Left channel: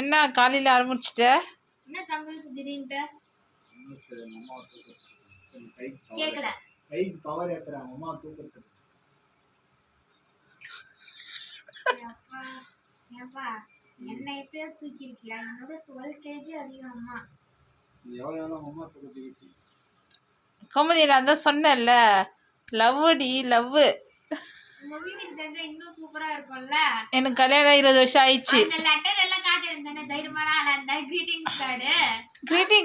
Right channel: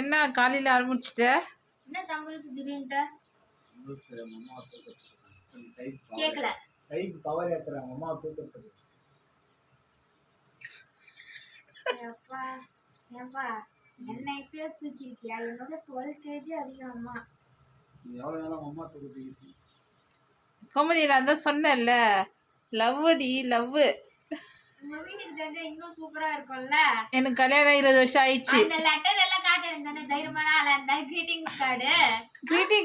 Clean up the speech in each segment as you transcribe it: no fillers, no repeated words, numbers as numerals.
என்ன காலையில் ஆரம்பிச்சிட்ட? என்ன சம்பளம் திடீர்னுட்டு கேட்கல. கைக்கு பவர் ஏத்துறாங்க அம்மா தூக்கத்துக்கு. அப்பா ஏன்பா என்ன இப்பயே தூக்கிருக்கியா? என்னோட 12 kg அதிகம் அம்மா. நீ எவ்வளோ நேரம் அம்மா தூக்கத்துக்கு ஈஸி. கோமதி நான் தான் சொன்னேன்ல, லவ்டி லவ். உங்க வீட்டுக்கு தெரிஞ்சா இன்னும் சூப்பரா இருக்கும்ல. எனக்கு கல்யாணம் 20 வருஷம் ஆயிடுச்சு. அந்த லெட்டர் எல்லாம் காட்டுறேன் தானே, தைரியமான ஆளா இருந்தா. கிரீட்டிங்ஸ்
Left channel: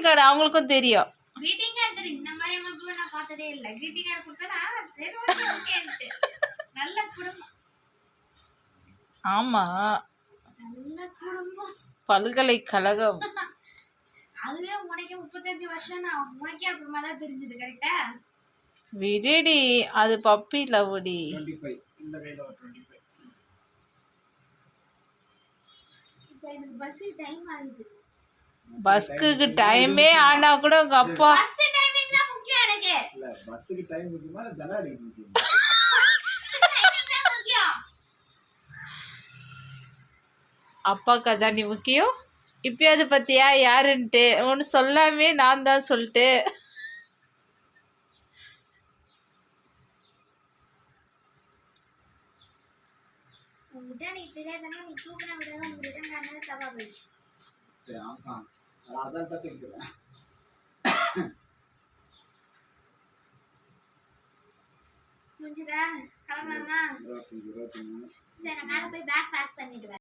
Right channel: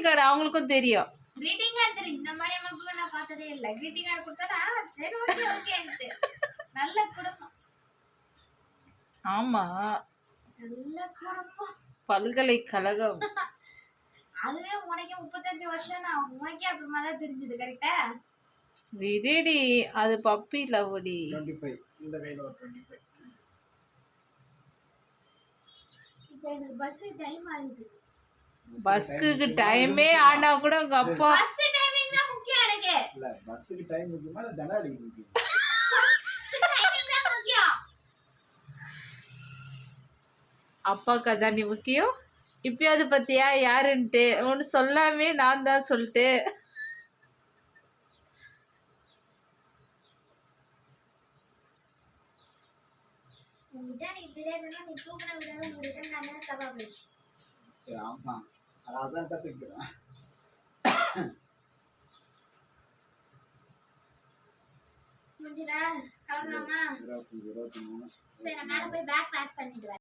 கார்டு அவங்களுக்கும் தெரியும். கிரீட்டிங் கார்டு இந்த மாதிரி அமைப்பு நான் பார்த்ததே இல்லை. கிரீட்டிங் கார்டு கொடுத்தா சரி ஓகே ஓகேன்ட்டு. நல்ல குடும்பம். ஆமா, நல்ல குடும்பம். பல்கலைக்கழகம். அதுவே உனக்கே 35 வருஷம். நான் உனக்கே அப்புறமா தான் தெரிஞ்சது. கரெக்டா? விடுடி, அது பப்பி லவ்டி. 25 இந்த கையில ஒரு 25. இப்போ எனக்கு பஸ் டைம் ஆகுது. பஸ்க்கு டைமே ஆனா கூட உங்க அப்பா பஸ் டைமிங் தான் முக்கியம் எனக்கு. இல்ல பஸ்ஸுக்கு டைம் முக்கியமா இல்ல தடாடிக்கு முக்கியமா? டைமிங் தான் முக்கியம். அப்பாக்கு அதான் நீ முக்கியம். இப்பயாவது பத்தியா யாருன்ட்டு ஒன்று சொல்லாமே நான் தான் சொல்லிட்டு. உங்ககிட்ட எனக்கு தெரியாதுன்னா நீ தூக்கின விடாத உங்ககிட்ட நான் என்ன தப்பா போயிடுச்சு. ஆமா அதான் கத்துக்கிறேன். முடிஞ்சதா? கிளம்பலாமா? 23 சரி நான் மேலே போய் பேக் பேக் பண்ணிட்டு வரேன்.